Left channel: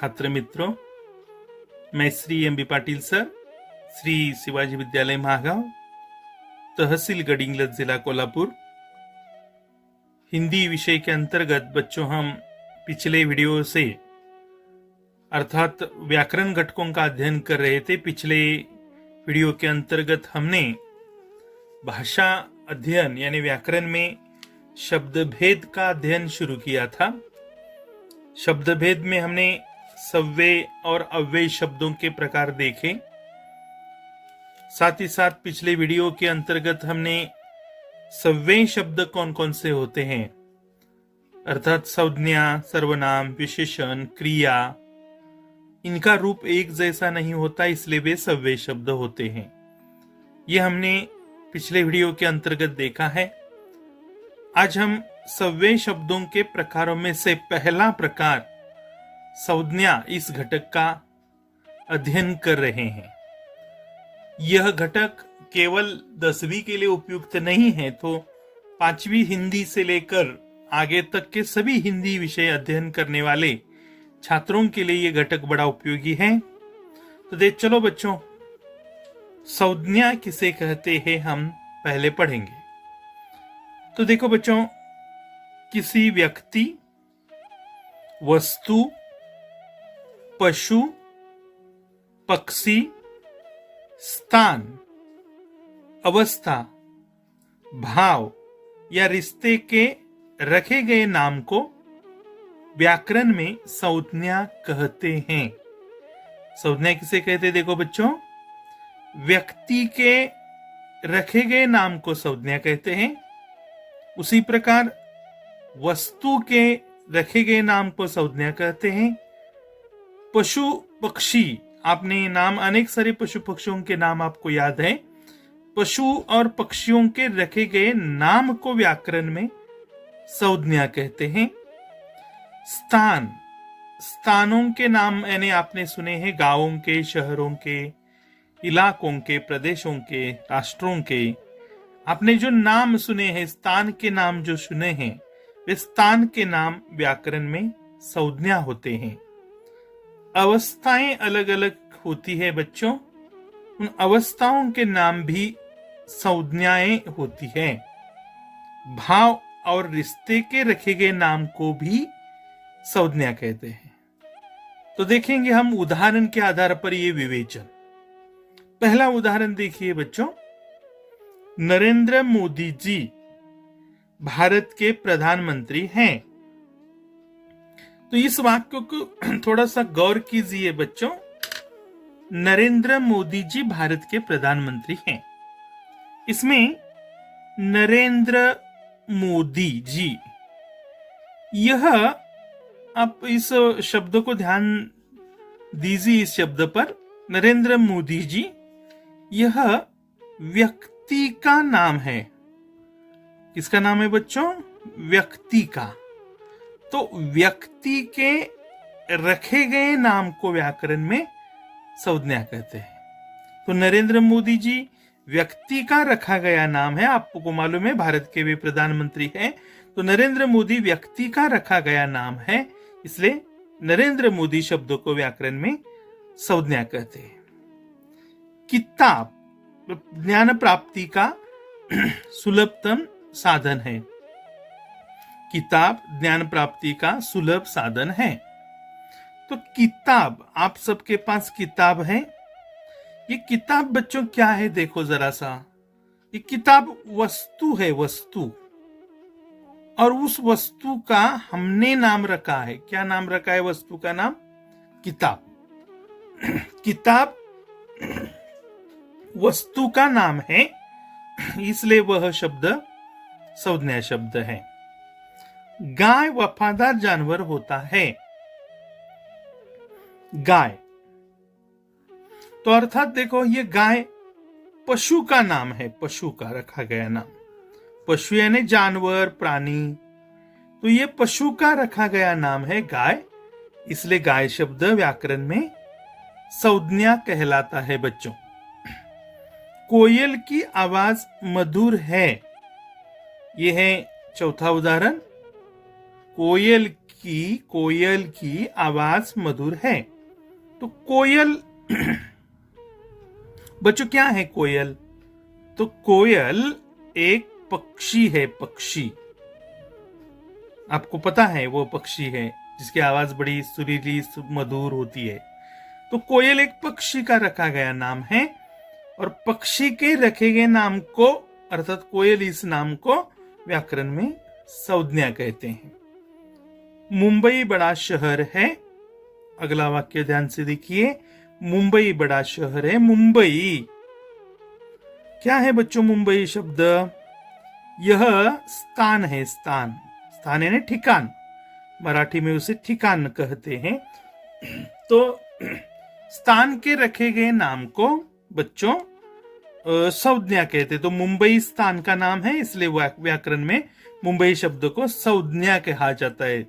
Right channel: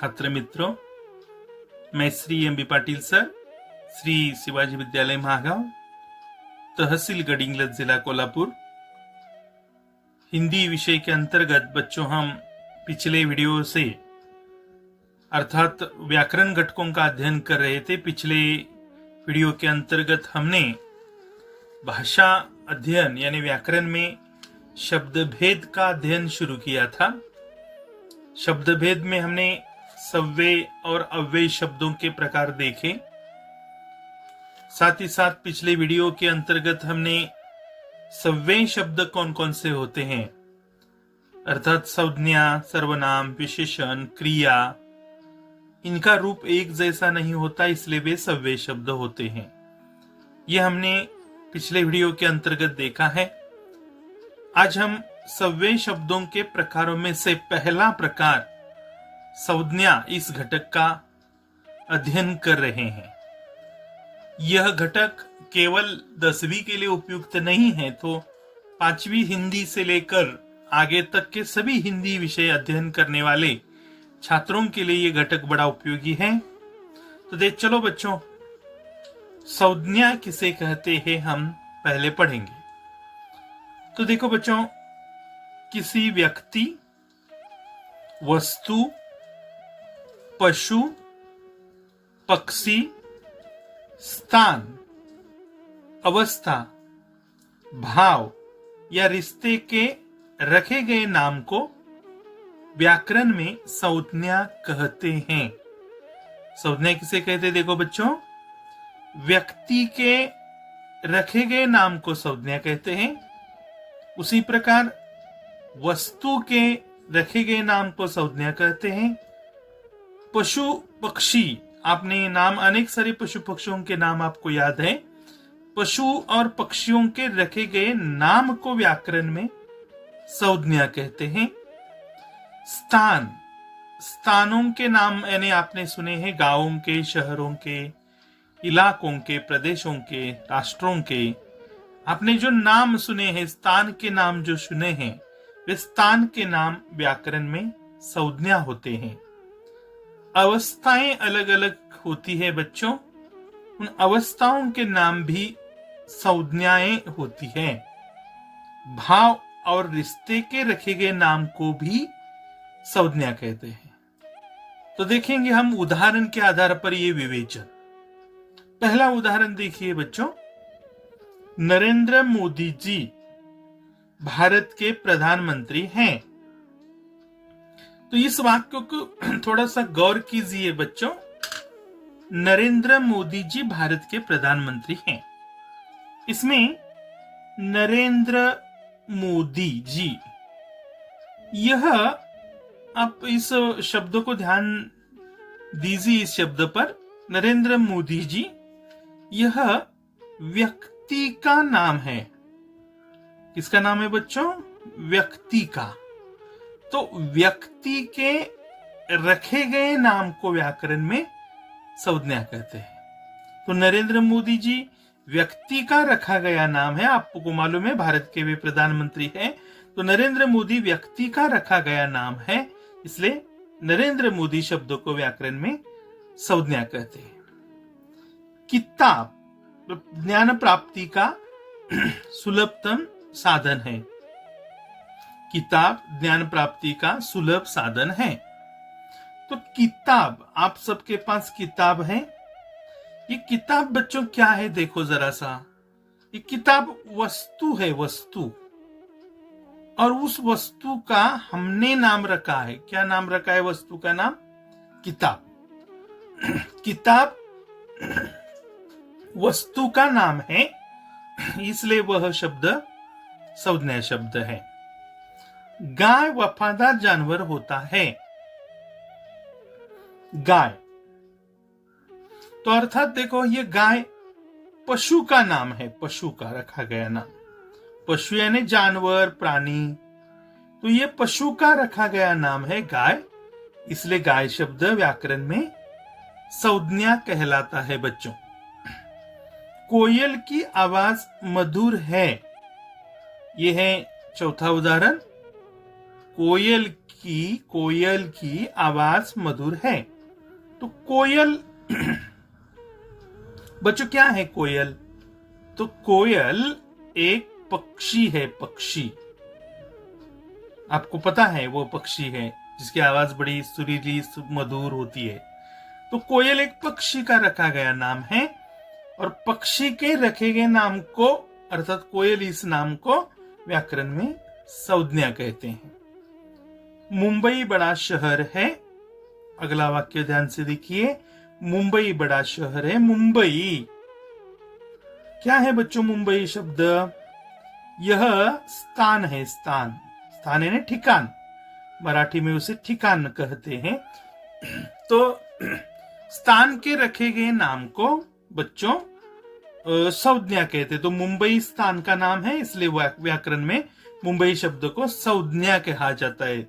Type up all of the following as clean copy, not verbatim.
छात्र मित्रों, मैं Shri M B Patil sir, Shri Shivaji Vidyalaya Mahagaon, तहसील गडिंग्लज, जिला कोल्हापुर, हिंदी विषय के अंतर्गत बच्चों हम पिछले वीडियो से अर्थात व्याकरण घटकों का अध्ययन कर रहे थे। पिछले वीडियो के अंतर्गत हमने भाषा अध्ययन यानी व्याकरण में शब्द भेद का अध्ययन शुरू किया था। शब्द भेद में हमने सव्यय और अव्यय शब्दों के प्रकार देखे। साथ ही साथ पिछले वीडियो के अंतर्गत हमने सव्यय शब्द कौन कौन से होते हैं, अर्थात संज्ञा, सर्वनाम, विशेषण, क्रिया, इनका रूप एक जैसा नहीं होता, इसलिए वे सव्यय शब्द होते हैं। यह हमने पिछले वीडियो के अंतर्गत देखा है। आज हम सव्यय शब्दों के प्रकारों में से पहला प्रकार संज्ञा इस घटक का अध्ययन कर रहे हैं। यह घटक केवल 10वीं के लिए उपयुक्त नहीं है, तो 5वीं हिंदी से लेकर आगे तक के सभी हिंदी विषय अध्ययन करने वाले छात्रों के लिए यह घटक बड़ा उपयोगी है। तो चलो बच्चों, संज्ञा किसे कहते हैं हम पहले पढ़ेंगे। तो देखो बच्चों, किसी व्यक्ति, वस्तु, पशु, पक्षी, स्थान, अवस्था, भाव या रिश्ते के रखे गए नाम को व्याकरण में संज्ञा कहते हैं। संज्ञा किसे कहते हैं? देखो बच्चों, व्यक्ति के रखे गए नाम को संज्ञा कहते हैं। उसी प्रकार वस्तु के रखे गए नाम को संज्ञा कहते हैं। पशु पक्षी, आपने नाम, अनेक सारे पशु पक्षियों के नाम आपको याद है। पशु और पक्षियों के रखे गए नाम को व्याकरण में संज्ञा कहते हैं। स्थान, स्थानों के नाम यानी आपने सुने हैं, गांवों के, शहरों के, इलाकों के, प्रदेशों के, राष्ट्रों के, आपने जो नाम सुने हैं, स्थान के नाम जो सुने हैं, वे स्थान के नाम व्याकरण में संज्ञा होते हैं। अवस्थाएं अलग अलग होती है बच्चों, उन अवस्थाओं के नाम भी संज्ञाएं होती हैं। भाव और रिश्ते के रखे गए नाम को भी संज्ञा कहते हैं। तो देखेंगे हम उदाहरण के आधार पर ये विवेचन। पहला उदाहरण देखिए बच्चों, नरेंद्र मोदी जी भारत के प्रधानमंत्री हैं। तो इस वाक्य को थोड़ा सा गौर कीजिए बच्चों। नरेंद्र मोदी जी भारत के प्रधानमंत्री हैं। इसमें नरेंद्र मोदी जी, यह, आप इस शब्द को ध्यान दीजिए, इस शब्द पर, नरेंद्र मोदी जी, यह व्यक्ति का नाम है। किसका नाम है बच्चों? व्यक्ति का। तो व्यक्ति के रखे गए नाम को व्याकरण में संज्ञा कहते हैं। तो नरेंद्र मोदी जी व्यक्ति का रखा गया नाम है। आपको मालूम है भारत के वे प्रधानमंत्री हैं, तो नरेंद्र मोदी व्यक्ति का रखा गया नाम है, इसलिए नरेंद्र मोदी शब्द को व्याकरण में संज्ञा कहते हैं। किताब ज्ञान प्राप्ति का सुलभतम साधन है। किताब ज्ञान प्राप्ति का सुलभ साधन है। तो किताब, आप सबके पास किताब है। ये किताब बच्चों क्या है? देखो जरा सा, ये किताब वस्तु है, वस्तु, और उस वस्तु का हमने नाम रखा है। क्या नाम रखा है वस्तु का? नाम किताब। किताब वस्तु का नाम है, इसलिए वह शब्द संज्ञा शब्द है। गाय वफादार जानवर होता है। गाय, तो अर्थात देखो, ये गाय पशु का नाम है, पशु का रखा गया नाम। पशु यानी जानवर, प्राणी, तो ये पशु का रखा गया नाम है गाय, इसलिए गाय शब्द व्याकरण में संज्ञा कहलाता है बच्चों। कोयल की आवाज मधुर है, यह है चौथा उदाहरण। कोयल की आवाज मधुर है। तो कोयल बच्चों क्या है कोयल? तो कोयल एक पक्षी है, पक्षी। आपको पता है वो पक्षी है जिसकी आवाज बड़ी सुरीली मधुर होती है। तो कोयल एक पक्षी का रखा गया नाम है, और पक्षी के रखे गए नाम को अर्थात कोयल इस नाम को व्याकरण में संज्ञा कहते हैं। मुंबई बड़ा शहर है। अगला वाक्य ध्यान से देखिए, मुंबई बड़ा शहर है। मुंबई क्या है बच्चों? मुंबई शब्द यह स्थान है, स्थान। स्थान है ना ठिकान, मराठी में उसे ठिकान कहते हैं। तो स्थान के रखे गए नाम को बच्चों संज्ञा कहते। तो मुंबई स्थान का नाम है, इसलिए व्याकरण में मुंबई शब्द को संज्ञा कहा जाता है।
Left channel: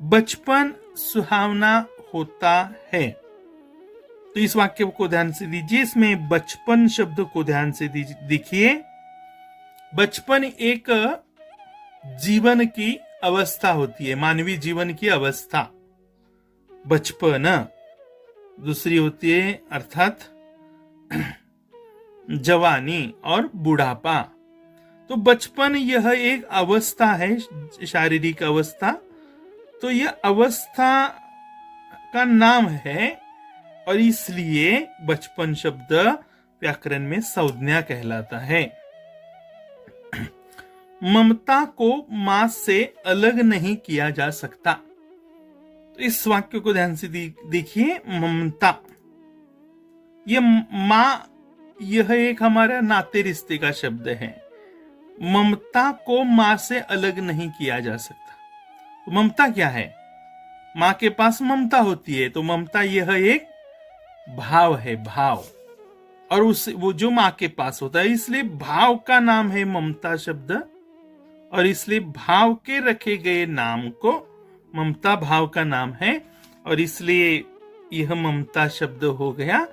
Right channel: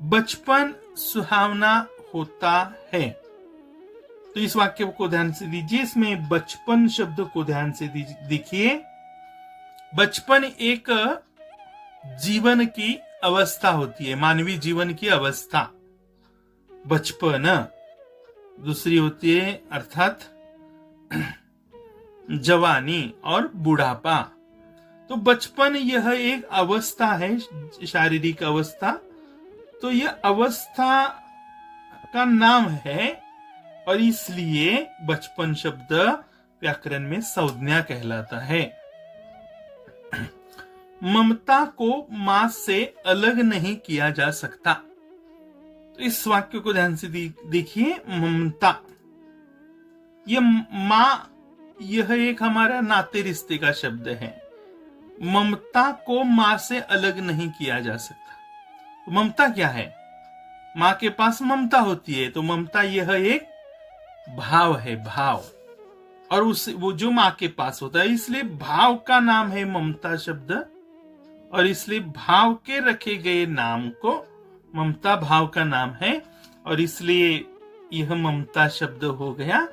बचपन सुहावना होता है। तो इस वाक्य को ध्यान से दीजिए, इसमें बचपन शब्द को ध्यान से देखिए। बचपन एक जीवन की अवस्था होती है, मानवीय जीवन की अवस्था। बचपन दूसरी होती है अर्थात जवानी और बुढ़ापा। तो बचपन यह एक अवस्था है, शारीरिक अवस्था। तो यह अवस्था का नाम है, और इसलिए बचपन शब्द व्याकरण में संज्ञा कहलाता है। ममता को मां से अलग नहीं किया जा सकता। तो इस वाक्य को ध्यान से देखिए। ममता, यह मां, यह एक हमारा नाते रिश्ते का शब्द है। ममता को मां से अलग नहीं किया जा सकता। तो ममता क्या है? मां के पास ममता होती है, तो ममता यह एक भाव है, भाव। और वो जो मां के पास होता है, इसलिए भाव का नाम है ममता शब्द, और इसलिए भाव के रखे गए नाम को ममता भाव का नाम है, और इसलिए यह ममता शब्द हो गया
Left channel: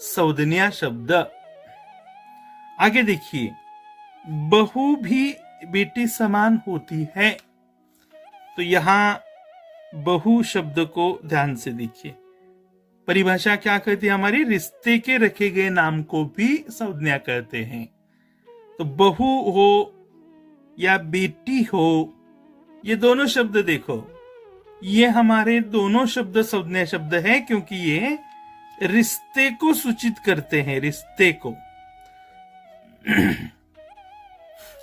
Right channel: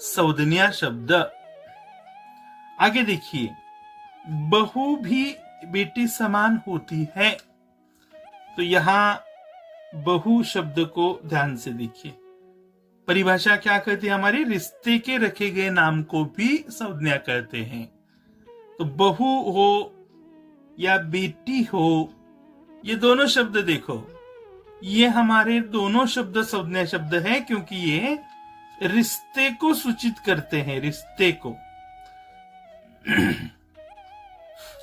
संज्ञा शब्द। आगे देखिए, बहू भी बेटी समान होती है। तो यहां बहु शब्द को ध्यान से देखिए। परिभाषा क्या कहती है हमारी? रिश्ते के रखे गए नाम को भी संज्ञा कहते हैं। तो बहू हो या बेटी हो, ये दोनों शब्द देखो, ये हमारे दोनों शब्द संज्ञा शब्द है, क्योंकि ये रिश्ते को सूचित करते हैं, रिश्ते को।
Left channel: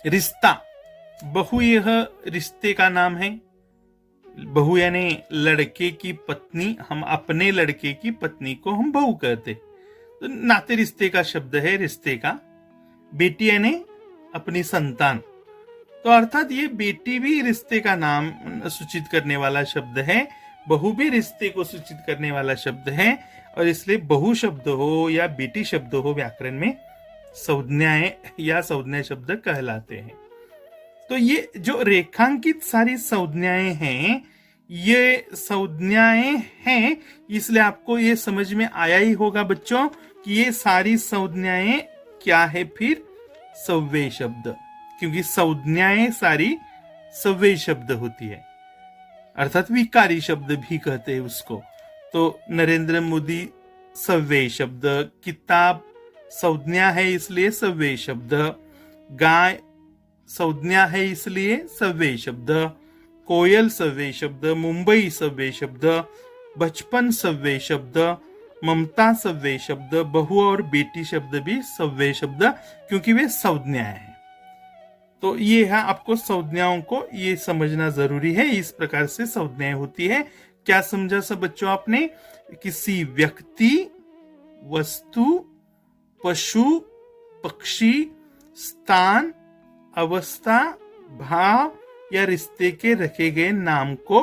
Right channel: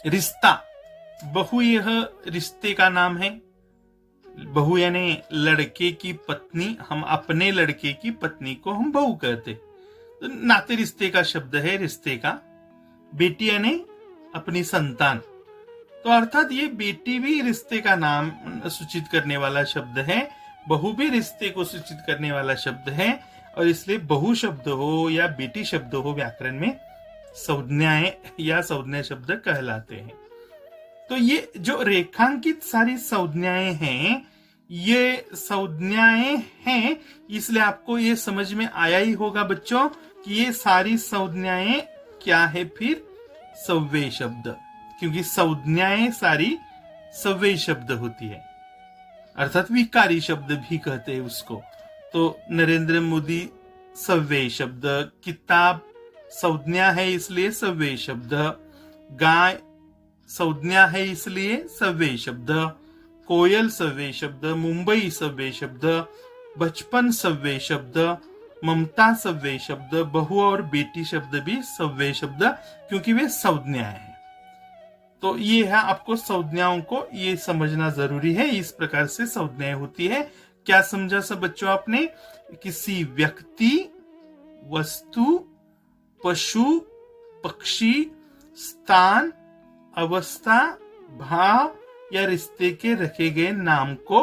रिश्ता, बहू यह रिश्ते का नाम है। बहू यानी लड़के की पत्नी, हम अपने लड़के की पत्नी को हम बहू कहते। तो नाते रिश्ते का शब्द है, रिश्ते का। बेटी यानी अपनी संतान। तो अर्थात ये बेटी भी रिश्ते का नाम सूचित करने वाला शब्द है, बहू भी रिश्ते को सूचित करने वाला शब्द है, और इसलिए बहु शब्द हो या बेटी शब्द हो, व्याकरण में संज्ञाएं या संज्ञा शब्द कहलाते हैं। तो ये जो रेखांकित सारी संज्ञाएं हैं, ये संज्ञाएं हैं, इसलिए आपको ये समझ में आया ही होगा बच्चों कि ये सारी संज्ञाएं क्या है? फिर सव्यय शब्द, क्योंकि संज्ञाएं सारी सव्यय शब्द होती है, अर्थात विकारी शब्द भी कहते हैं उसको। तो नरेंद्र मोदी सव्यय शब्द, किताब संज्ञा है इसलिए सव्यय शब्द, गाय संज्ञा है इसलिए सव्यय शब्द, कोयल सव्यय शब्द, मुंबई सव्यय शब्द, बचपन सव्यय शब्द, ममता सव्यय शब्द, बहू और बेटी शब्द भी सव्यय शब्द, क्योंकि वे संज्ञाएं हैं। तो ये है, आपको संज्ञाओं को ये समझना जरूरी है। इस प्रकार से संज्ञाएं होती है। क्या समझा सब बच्चों आपने? किसी व्यक्ति, वस्तु, पशु, पक्षी, स्थान, अवस्था, भाव या रिश्ते के रखे गए नाम को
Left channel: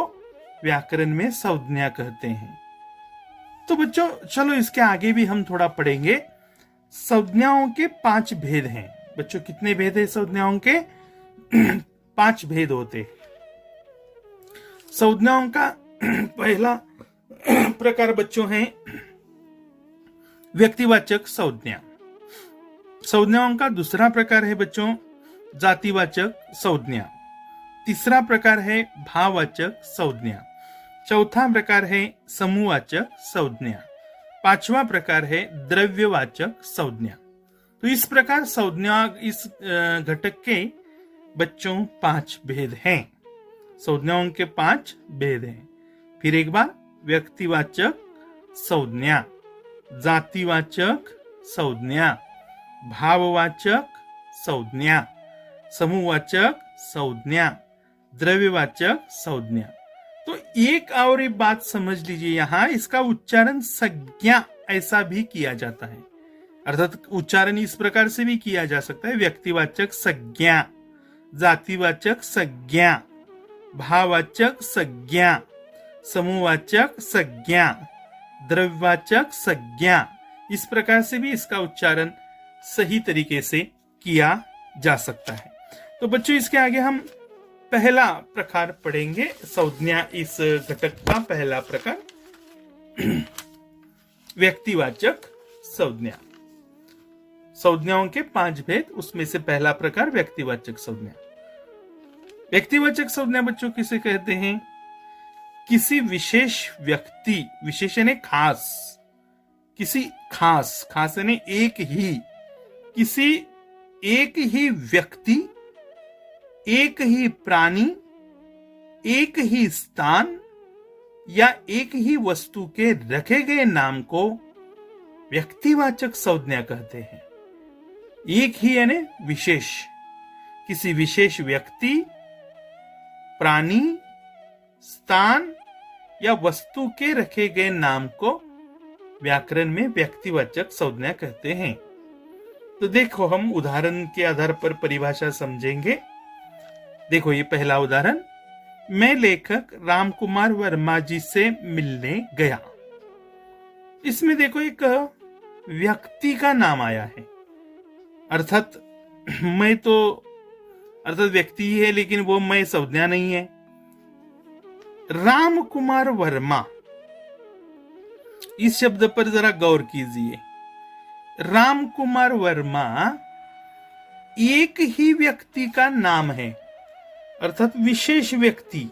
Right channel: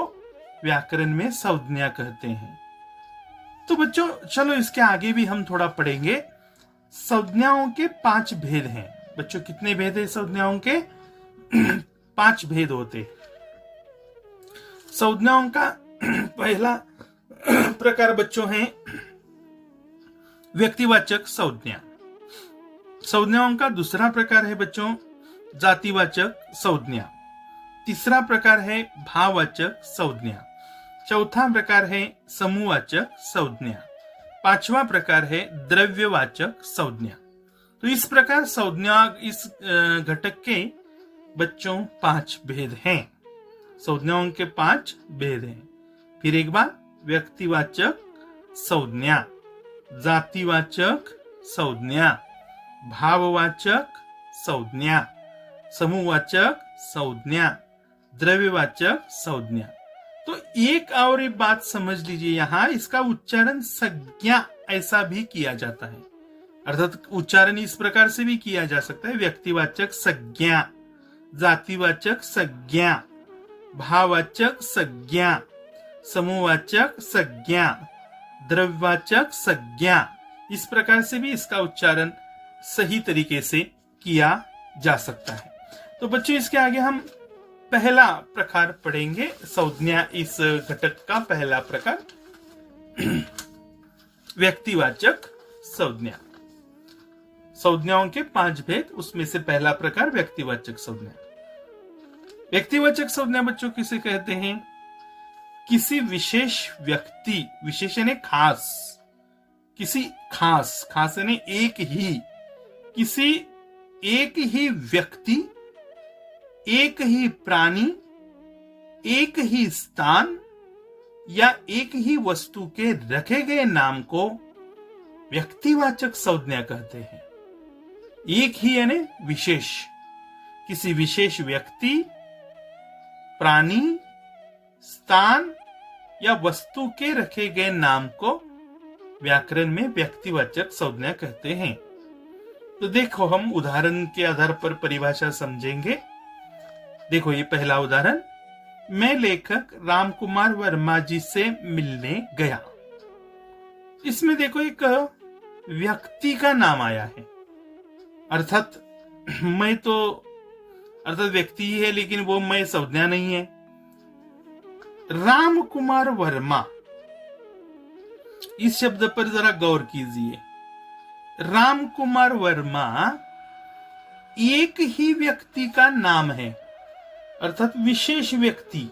व्याकरण में संज्ञा कहते हैं। तो बच्चों चलो इसके आगे भी हम थोड़ा पढ़ेंगे। संज्ञाओं के 5 भेद हैं। बच्चों कितने भेद है संज्ञाओं के? 5 भेद होते। संज्ञाओं का पहला प्रकार बच्चों है व्यक्तिवाचक संज्ञा। संज्ञाओं का दूसरा प्रकार है बच्चों जातिवाचक संज्ञा। तीसरा प्रकार है भाववाचक संज्ञा। चौथा प्रकार है समूहवाचक संज्ञा। पांचवा प्रकार है द्रव्यवाचक संज्ञा। तो इस प्रकार संज्ञा इस घटक के बच्चों 5 भेद हैं। संज्ञाओं के 5 भेद हैं। फिर एक बार, व्यक्तिवाचक संज्ञा, जातिवाचक संज्ञा, भाववाचक संज्ञा, समूहवाचक संज्ञा, द्रव्यवाचक संज्ञा। तो एक और एक बात समझ लीजिए, यहां इसका उच्चारण संज्ञा ऐसा भी किया जाता है, अर्थात उच्चारण इस प्रकार से भी किया जा सकता है, व्यक्तिवाचक संज्ञा, जातिवाचक संज्ञा, भाववाचक संज्ञा, समूहवाचक संज्ञा, द्रव्यवाचक संज्ञा। इस प्रकार से भी इसका उच्चारण सही तरीके से किया जा सकता है। तो बच्चों, इसके आगे हम पहला प्रकार पढ़ेंगे, संज्ञा इस घटक का पहला प्रकार व्यक्तिवाचक संज्ञा। संज्ञाओं के 5 भेद, उसमें से पहला प्रकार व्यक्तिवाचक संज्ञा। व्यक्तिवाचक संज्ञा बच्चों किसे कहते हैं? किसी विशेष व्यक्ति, विशेष यानी खास, किसी खास यानी एक ही, किसी एक ही व्यक्ति, एक ही प्राणी, एक ही स्थान या एक ही वस्तु के रखे गए नाम को व्यक्तिवाचक संज्ञा कहते हैं। एक ही यानी विशेष, किसी विशेष व्यक्ति, प्राणी, स्थान या वस्तु के रखे गए नाम को व्याकरण में व्यक्तिवाचक संज्ञा कहते हैं। तो देखो, हम उदाहरण के आधार पर परिभाषा समझेंगे। देखो, ये पहला उदाहरण, मैं लेखक रामकुमार वर्मा जी से मिलने गया। इसमें देखो एक व्यक्ति का नाम आया है, अर्थात मैं तो अर्थात व्यक्ति ही है, लेकिन वो मैं संज्ञा नहीं है। रामकुमार वर्मा, इस शब्द पर जरा गौर कीजिए। रामकुमार वर्मा एक ही व्यक्ति का नाम है, अर्थात विशेष व्यक्ति।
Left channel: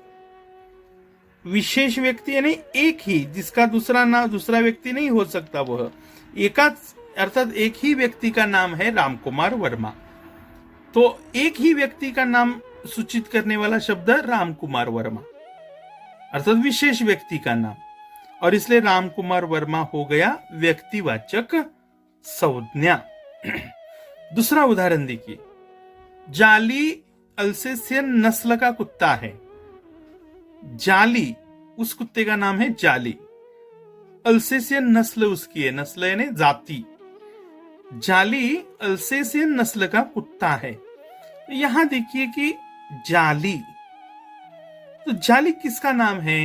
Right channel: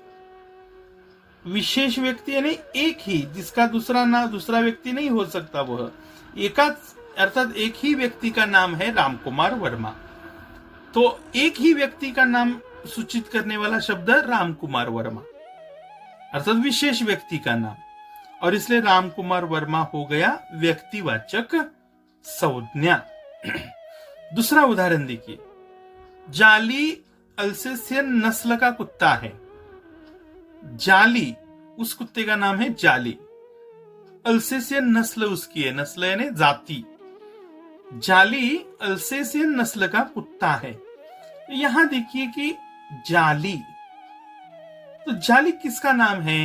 विशेष व्यक्ति यानी एक ही, जिसका दूसरा व्यक्ति नहीं हो सकता, वह अर्थात एक ही व्यक्ति का नाम है रामकुमार वर्मा। तो एक ही व्यक्ति का नाम सूचित करने वाला शब्द है रामकुमार वर्मा, अर्थात विशेष व्यक्ति का नाम, और इसलिए रामकुमार वर्मा हो गया व्यक्तिवाचक संज्ञा। दूसरा उदाहरण देखिए, जाली अल्सेशियन नस्ल का कुत्ता है। जाली, उस कुत्ते का नाम है जाली। अल्सेशियन नस्ल उसकी है, नस्ल यानी जाति। जाली अल्सेशियन नस्ल का कुत्ता है। तो यहां देखिए कि जाली, तो जाली किसका नाम है?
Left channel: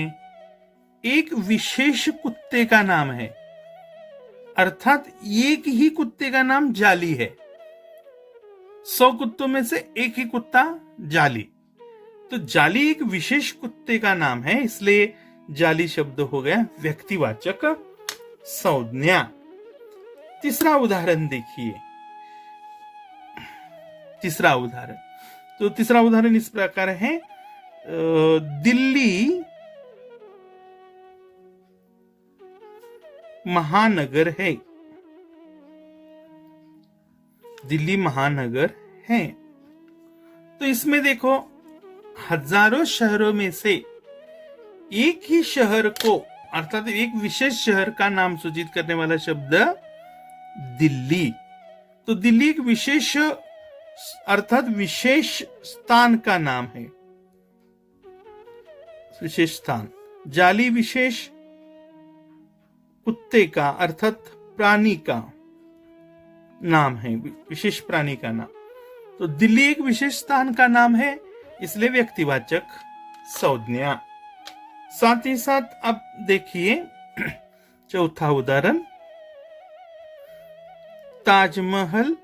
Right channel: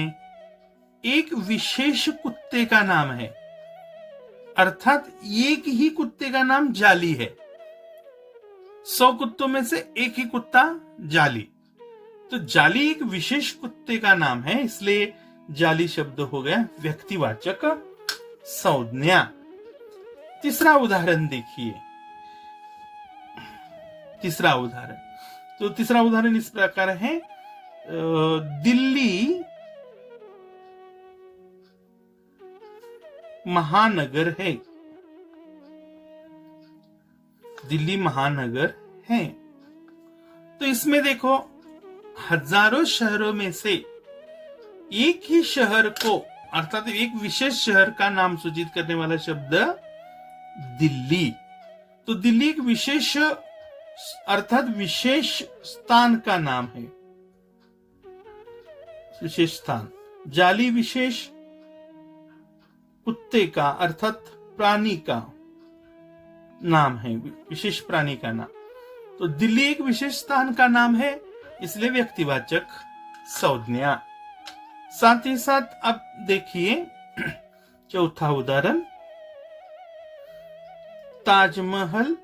एक विशेष कुत्ते का नाम है, अर्थात एक ही कुत्ते का नाम जाली है। 100 कुत्तों में से एक ही कुत्ता जाली। तो जाली एक विशेष कुत्ते का नाम है, इसलिए जाली शब्द हो गया व्यक्तिवाचक संज्ञा। तीसरा उदाहरण देखिए, तीसरा उदाहरण इस प्रकार है, दिल्ली महानगर है। दिल्ली महानगर है। तो इसमें देखो, हजारों शहरों में से एक ही शहर को, अर्थात एक विशेष शहर का नाम सूचित करने वाला शब्द दिल्ली। तो दिल्ली एक विशेष, अर्थात विशेष स्थान का नाम है, विशेष स्थान। जाली विशेष कुत्ते का, अर्थात प्राणी का नाम है, विशेष प्राणी का नाम। तो दिल्ली एक विशेष स्थान का नाम है, इसलिए व्यक्तिवाचक संज्ञा। साथ ही साथ अब देखिए चौथा उदाहरण, ताजमहल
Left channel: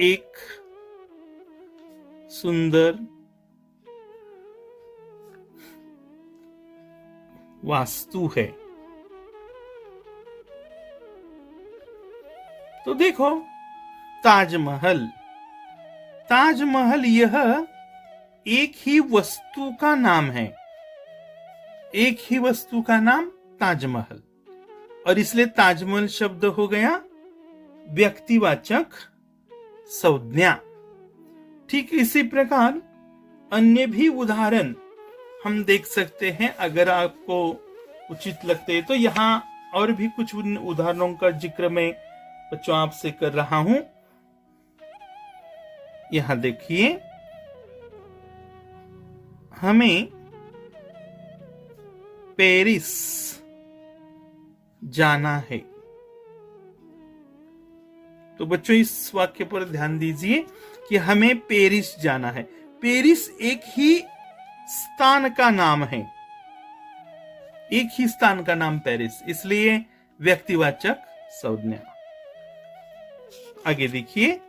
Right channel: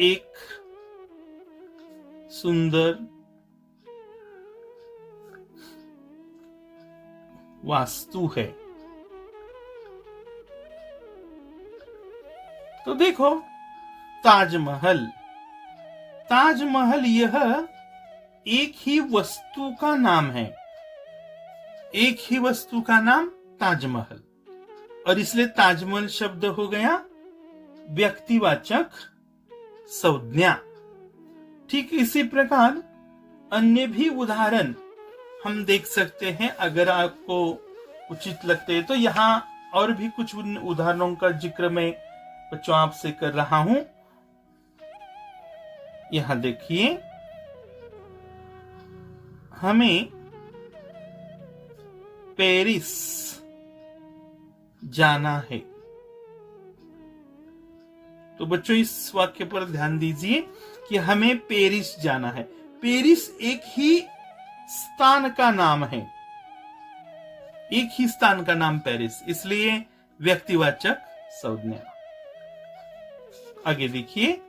एक सुंदर वास्तु है। तो देखो, ताजमहल ताजमहल यह एक ही वस्तु का नाम है, एक ही वस्तु का नाम ताजमहल, और इसलिए ताजमहल शब्द हो गया व्यक्तिवाचक संज्ञा। ठीक इसी प्रकार अन्य भी उदाहरण हम देख सकते हैं, अगर आपको उचित लगते हैं तो। यहाँ और भी कुछ उदाहरणों का जिक्र मैं बच्चों आपसे कर रहा हूं। यहां देखिए, हमें पेरिस जाना है। तो बच्चों इस वाक्य पर ध्यान दीजिए कि हमें पेरिस जाना है। पेरिस एक ही स्थान का नाम है, एक ही स्थान का नाम पेरिस, इसलिए व्यक्तिवाचक संज्ञा। आगे देखिए,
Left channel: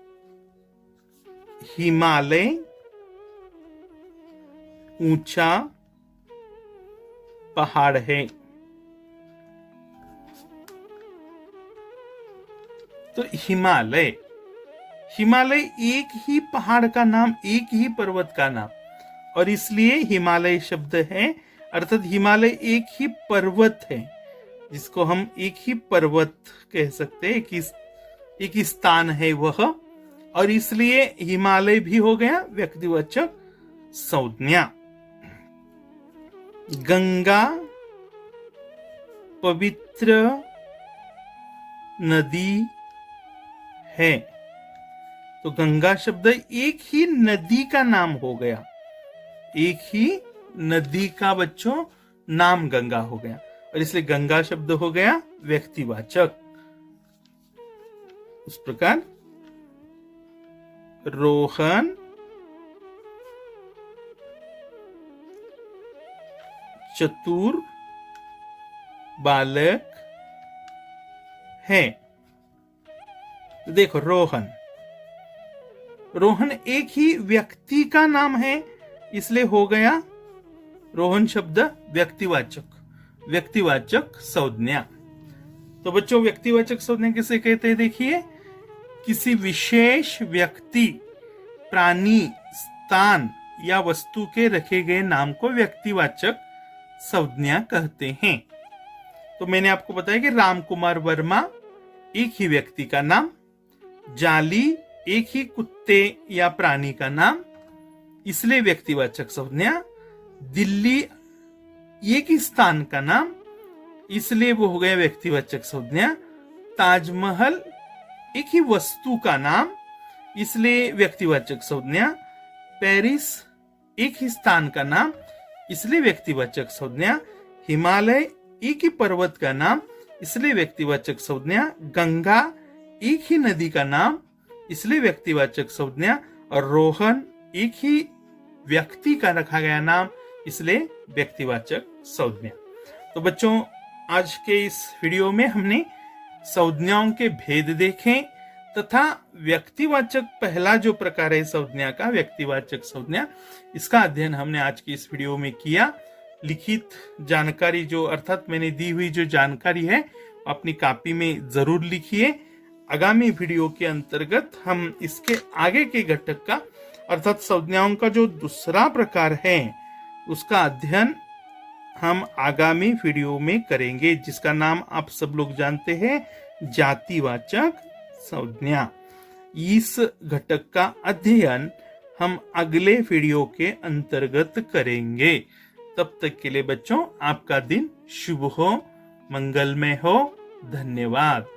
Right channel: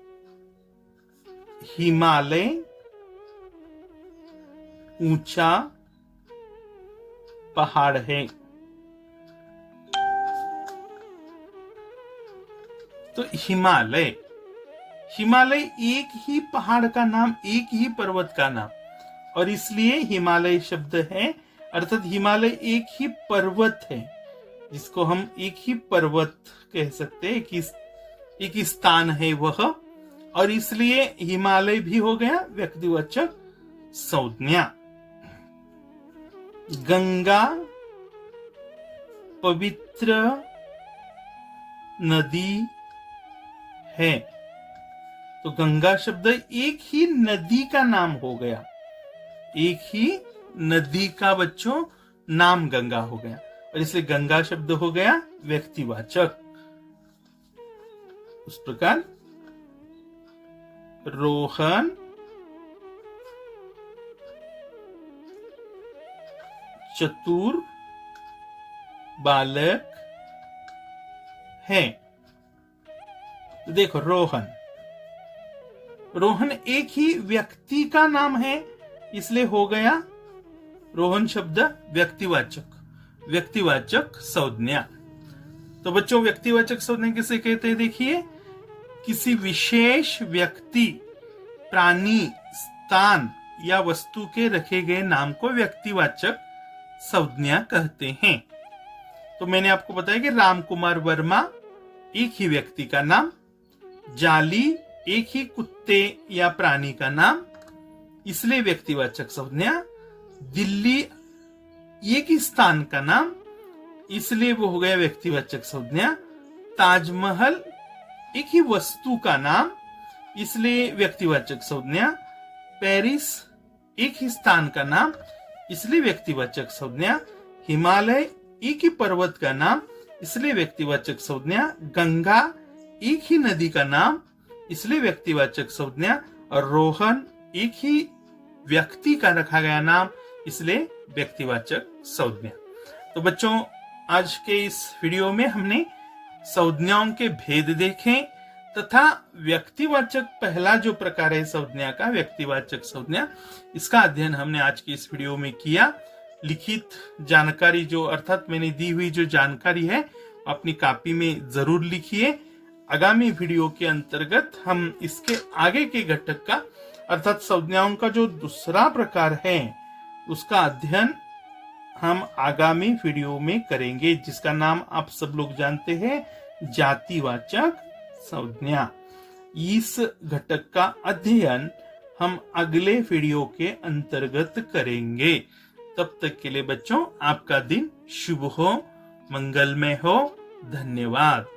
हिमालय ऊंचा पहाड़ है। तो हिमालय, हिमालय एक ही पहाड़ का नाम, एक ही पर्वत का नाम, और इसलिए हिमालय शब्द है, अर्थात हिमालय एक ही पर्वत है, जिसको हम एक ही पर्वत कह सकते हैं, एक ही स्थान है वह, और इसलिए हिमालय भी हो गया व्यक्तिवाचक संज्ञा। गंगा पवित्र नदी है। तो गंगा शब्द एक ही नदी का नाम हो गया, एक ही नदी का बच्चों नाम गंगा हो गया, और इसलिए गंगा शब्द हो गया व्यक्तिवाचक। उस प्रकार रोहन चतुर बालक है। देखो, रोहन, रोहन एक ही व्यक्ति का नाम है, इसलिए हो गया रोहन शब्द व्यक्तिवाचक, व्यक्तिवाचक संज्ञा। तो बच्चों व्यक्तिवाचक संज्ञा किसे कहते हैं? देखिए, किसी विशेष व्यक्ति, प्राणी, स्थान या वस्तु के रखे गए नाम को व्यक्तिवाचक संज्ञा कहते हैं। तो मैंने आपको बताया कि राम कुमार वर्मा एक ही व्यक्ति का नाम, जाली एक ही कुत्ते या प्राणी का नाम, इसलिए व्यक्तिवाचक संज्ञा। दिल्ली एक ही स्थान का नाम, इसलिए वो हो गया व्यक्तिवाचक संज्ञा। ताजमहल एक ही वस्तु का नाम, इसलिए व्यक्तिवाचक संज्ञा। पेरिस एक ही स्थान का नाम, इसलिए व्यक्तिवाचक संज्ञा। हिमालय एक ही पर्वत का नाम, इसलिए व्यक्तिवाचक संज्ञा। गंगा एक ही नदी का नाम, इसलिए व्यक्तिवाचक संज्ञा। और रोहन एक ही व्यक्ति का रखा गया नाम, इसलिए व्यक्तिवाचक संज्ञा। तो बच्चों आज के इस वीडियो में हमने संज्ञाओं के भेद देखे तथा व्यक्तिवाचक पहला जो प्रकार है संज्ञा का, व्यक्तिवाचक संज्ञा, इसका अध्ययन हमने आज की इस वीडियो में किया। लिखित जानकारी जो, अर्थात मैंने दी हुई जो जानकारी है, अपनी कॉपी में जरूर लिखिए। आगामी वीडियो के अंतर्गत हम इसके आगे के घटक का, अर्थात संज्ञाओं का जो दूसरा प्रकार है, उसका अध्ययन हम आगामी वीडियो में करेंगे, जिसका नाम आप सब लोग जानते हैं, जातिवाचक संज्ञा। इस घटक का अध्ययन हम अगले वीडियो के अंतर्गत करेंगे। तब तक के लिए बच्चों आपका दिन शुभ हो, मंगलमय हो। धन्यवाद।